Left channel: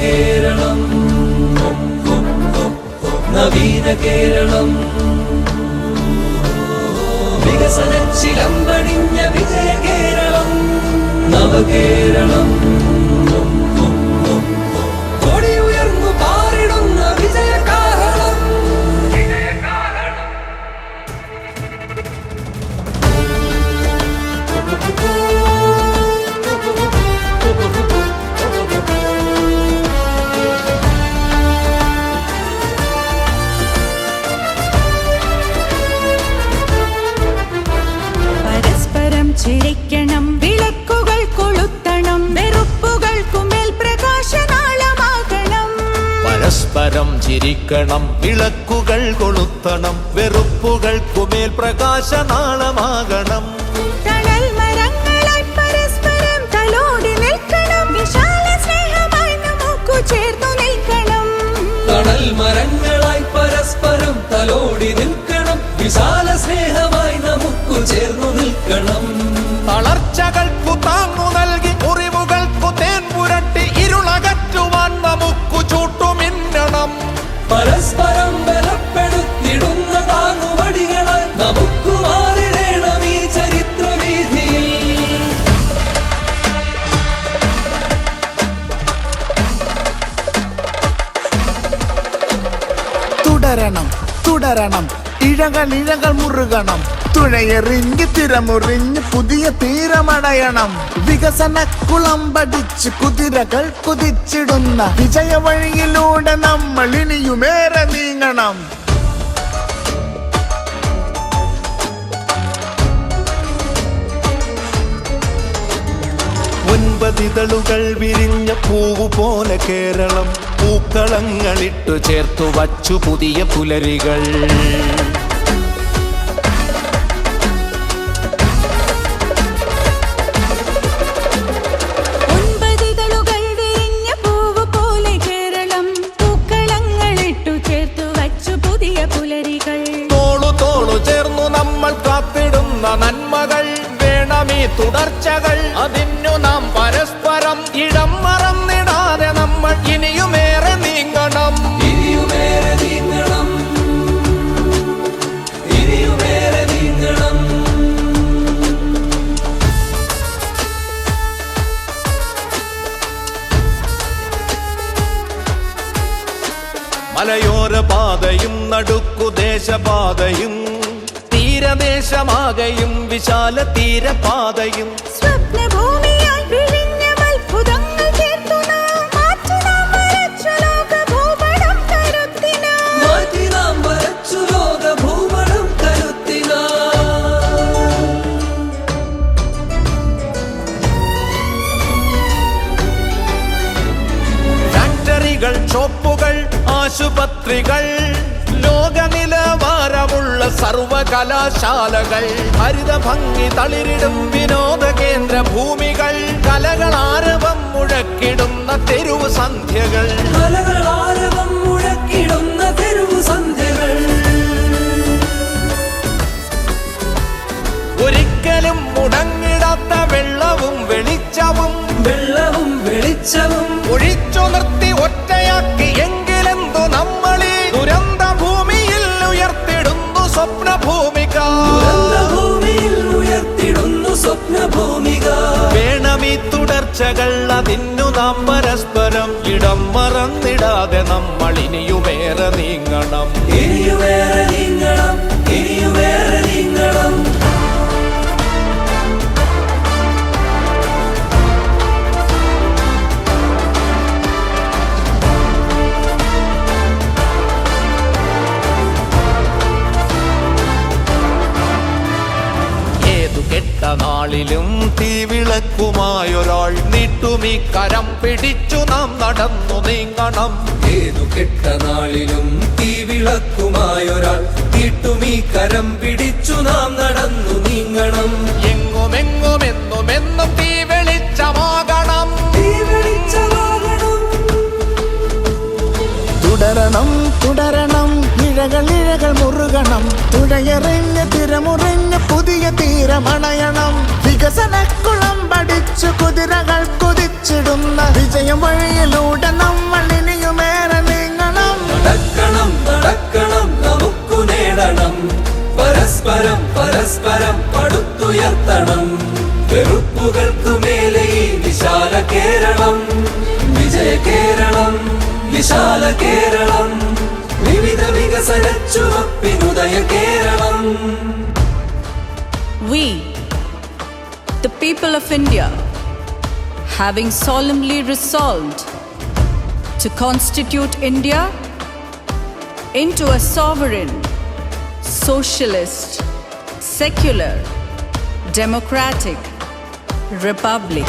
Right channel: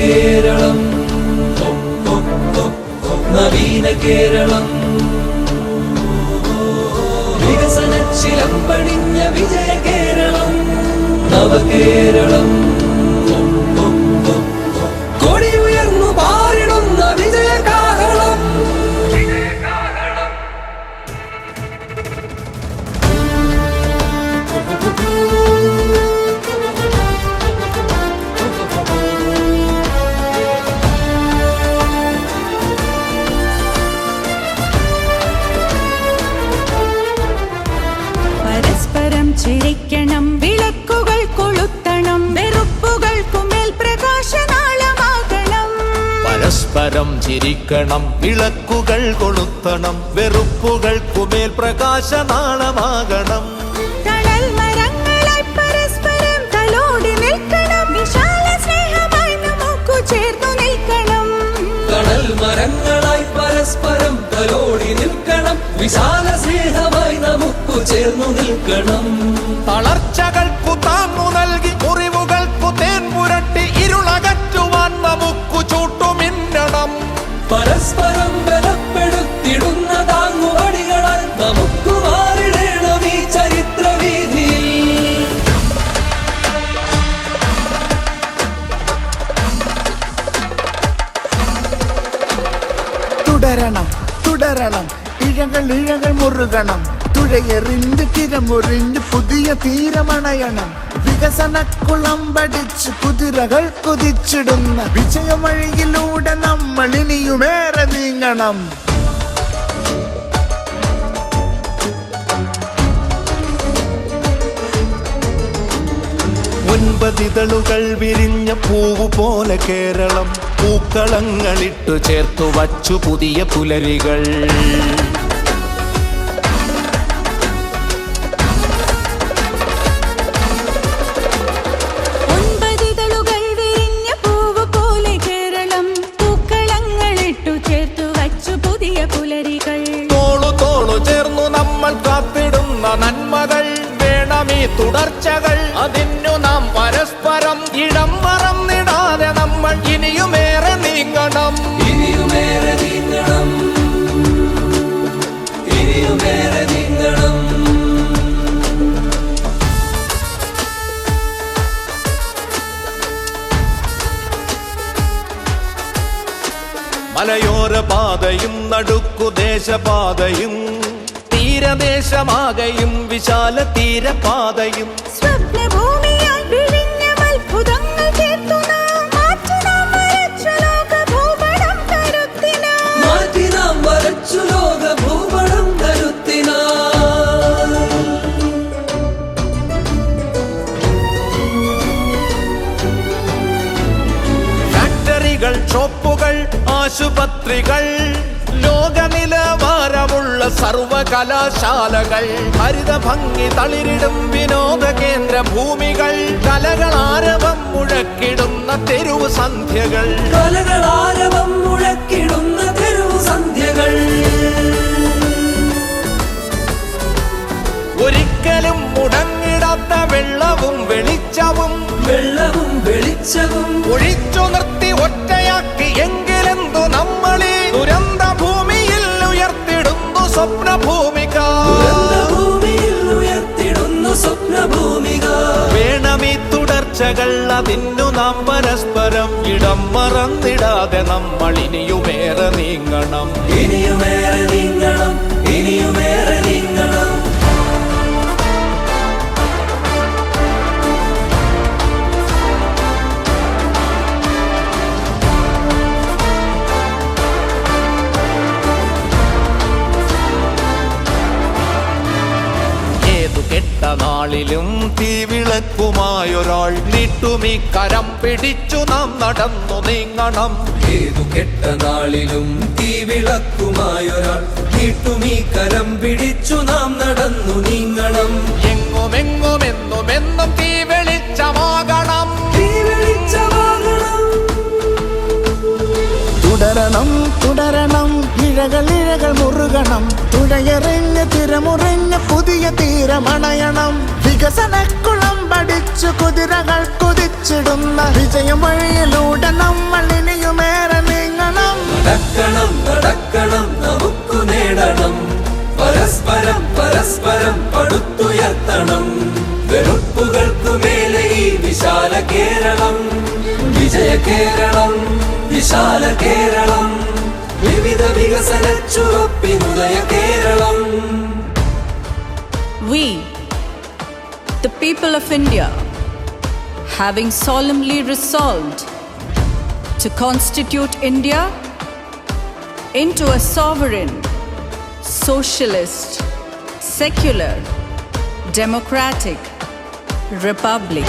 നവകേരളം നവീന കേരളം വികസന ചിലമ്പണിഞ്ഞ വിജയ കേരളം നവകേരളം കൊടിയുയർന്നു പാറിടുന്ന വിജയകാഹളം പരസ്പരം ചിരിക്കണം, വിളക്കുകൾ കൊളുത്തണം, വെറുപ്പുകൾക്കുമേൽ പ്രകാശനാളമാകണം. പരസ്പരം ചിരിക്കണം, വിളക്കുകൾ കൊളുത്തണം, വെറുപ്പുകൾക്കുമേൽ പ്രകാശനാളമാകണം. തണൽ മരങ്ങളായി പരസ്പരം തലോടി നിൽക്കണം, വിശാല സ്നേഹമായി നമുക്കു ചേർന്നു നിൽക്കണം. തണൽ മരങ്ങളായി പരസ്പരം തലോടി നിൽക്കണം, വിശാല സ്നേഹമായി നമുക്കു ചേർന്നു നിൽക്കണം. തളർച്ചകൾക്കു താങ്ങു നൽകി മുറിവുകൾക്കു തേൻ പുരട്ടി ഇരുളകറ്റുവാൻ നമുക്കു ചൂട്ടുമിന്നണം. പരസ്പരം ബലപ്പെടുത്തിടുന്ന താങ്ങുവടികളാൽ നമുക്കു മാറിടേണം ഈ ചരിത്രവീഥിയിൽ. തുടരണം തുടരണം, ഇഴകൾ മുറുകണം, തുഴയെറിഞ്ഞ് തിരമുറിഞ്ഞ് പുതിയ തീരമണയണം. വികസന കുളമ്പടിച്ച് കുതിരകൾ കുതിച്ചിടുന്ന വിജയവഴിയിലൂടെ നമ്മൾ ഇനിയുമേറെ നീങ്ങണം. ഒൻപതിതളുകൾ വിരിഞ്ഞ പൂവു പോലെ കേരളം, പൂക്കളങ്ങളിട്ടു ചേർത്തു വച്ചു പുതിയ പുലരികൾ. ഒൻപതിതളുകൾ വിരിഞ്ഞ പൂവ് പോലെ കേരളം, പൂക്കളങ്ങളിട്ടു ചേർത്തു വച്ചു പുതിയ പുലരികൾ. തോളു തോളു ചേർന്നു നമ്മൾ കാത്തിടുന്ന നന്മകൾ വേണമീ തുടർച്ചകൾ. അതിനു നാം പരസ്പരം ഇടം മറന്നിടാതെ നമ്മൾ ഇനിയുമേറെ നീങ്ങണം. ഇനിയുമേറെ നീങ്ങണം, ഇനിയുമേറെ നീങ്ങണം. മലയോര പാതയും നടുക്കു ദേശപാതയും തീരദേശമാകയും വിശാല തീരപാതയും സ്വപ്നഭൂമിയായി വിഴിഞ്ഞ അത്ഭുതങ്ങൾ ചേർത്തു നാം മാറ്റി നാം വരച്ചു ലോക ഭൂപടം കരുത്തിനാം. മാറ്റി നാം വരച്ചു ലോക ഭൂപടം കരുത്തിനാം. ഫാക്ടറികൾ, ഷോപ്പുകൾ, ആശുപത്രികൾ, ലോകനിലവാരമുള്ള സർവകലാശാലകൾ, ഹരിത ഭംഗി തളിരിടും വിനോദ കേന്ദ്ര ഭൂമികൾ, കലകളാരവം മുഴക്കിടുന്ന തെരുവ് സന്ധ്യകൾ. കലകളാരവം മുഴക്കിടുന്ന തെരുവു സന്ധ്യകൾ. ഒരിക്കലും മുടങ്ങിടാത്ത വെള്ളവും വെളിച്ചവും വെള്ളവും വെളിച്ചവും ഒഴിച്ചു നിർത്തി ഒറ്റയാക്കി എങ്കിലെന്തു നമ്മളീ ദുരന്ത ഭൂമിയിൽ ഉയർത്തിടുന്നു സ്വപ്നഭൂമിക. ഭൂമിയിൽ ഉയർത്തിടുന്നു സ്വപ്നഭൂമിക. വേണമീ തുടർച്ചകൾ, അതിനു നാം പരസ്പരം ഇടം മറന്നിടാതെ നമ്മൾ ഇനിയുമേറെ നീങ്ങണം. ഇനിയുമേറെ നീങ്ങണം, ഇനിയുമേറെ നീങ്ങണം. ഏതു കെട്ട നാളിലും തീവിളക്കുമായൊരാൾ നീട്ടുമീ കരം പിടിച്ചു നാം നടന്നു നീങ്ങണം. ഏതു കെട്ട നാളിലും ഈ വിളക്കുമായൊരാൾ നീട്ടുമീ കരം പിടിച്ചു നാം നടന്നു നീങ്ങണം. എങ്ങുമെങ്ങുമെന്നുമെന്നും തീ വെളിച്ചമാകണം. തുടരണം തുടരണം, ഇഴ ഇഴകൾ മുറുകണം, തുഴയെറിഞ്ഞ് തിരമുറിഞ്ഞ് പുതിയ തീരമണയണം. വികസനക്കുളം പഠിച്ചു കുതിരകൾ കുതിച്ചിടുന്ന വിജയം വഴിയിലൂടെ നമ്മൾ ഇനിയുമേറെ നീങ്ങണം. നടക്കണം നടക്കണം നമുക്കു നേടണം, പരസ്പരം പരസ്പരം പടുത്തുയർത്തണം. വെറുപ്പുകൾക്കു മേലെ ഈ വിശാല കേരളം, വിജയ കേരളം, വിശാല കേരളം, വിവിധ വികസന ചുവപ്പിനുദയ Keralam. We, the people of India, having solemnly resolved to constitute India into a sovereign, socialist, secular, democratic republic.